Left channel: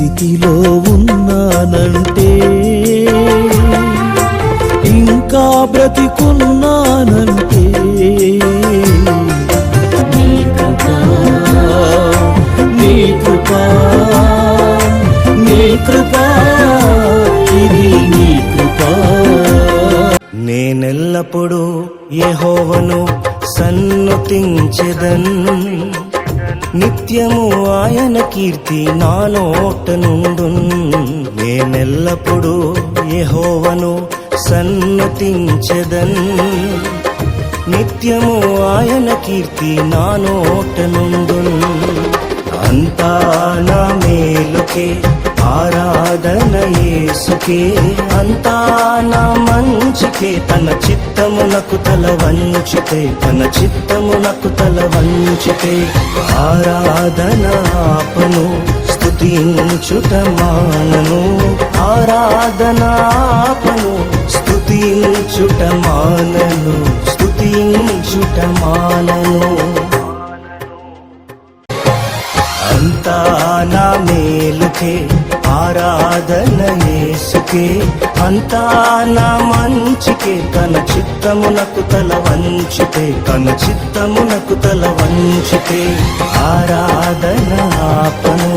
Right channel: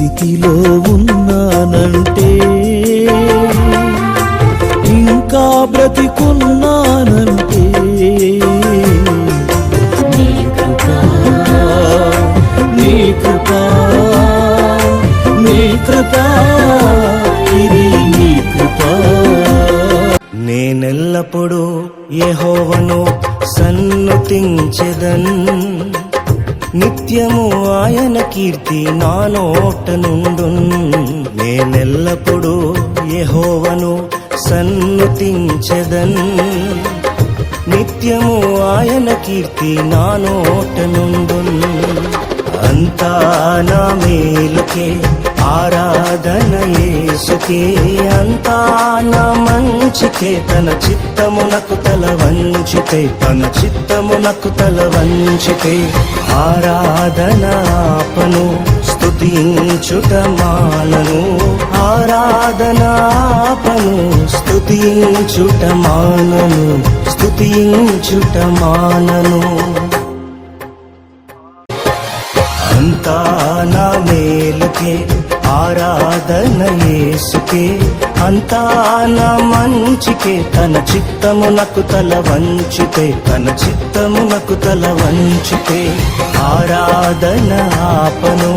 స్థితిలో ఉన్నానంటే, ఇంకా బ్రతికున్నానంటే నీ కృపా, నీ కృపా, నీ కృపా, ఇది నీ కృపా. నేనెల్లప్పుడూ యెహోవాను సన్నుతించెదన్, నిత్యము ఆయన కీర్తి నా నోట నుండున్. నేనెల్లప్పుడూ యెహోవాను సన్నుతించెదన్, నిత్యము ఆయన కీర్తి నా నోట నుండున్. అంతా నా మేలుకే ఆరాధన యేసుకే, అంతా నా మంచికే. తన చిత్తమునకు తల వంచితే, తన చిత్తమునకు తల వంచితే ఆరాధన ఆపను, స్తుతించుట మానను. ఆరాధన ఆపను, స్తుతించుట మానను, స్తుతించుట మానను. అంతా నా మేలుకే ఆరాధన యేసుకే, అంతా నా మంచికే. తన చిత్తమునకు తల వంచితే, తన చిత్తమునకు తల వంచితే ఆరాధన ఆపను.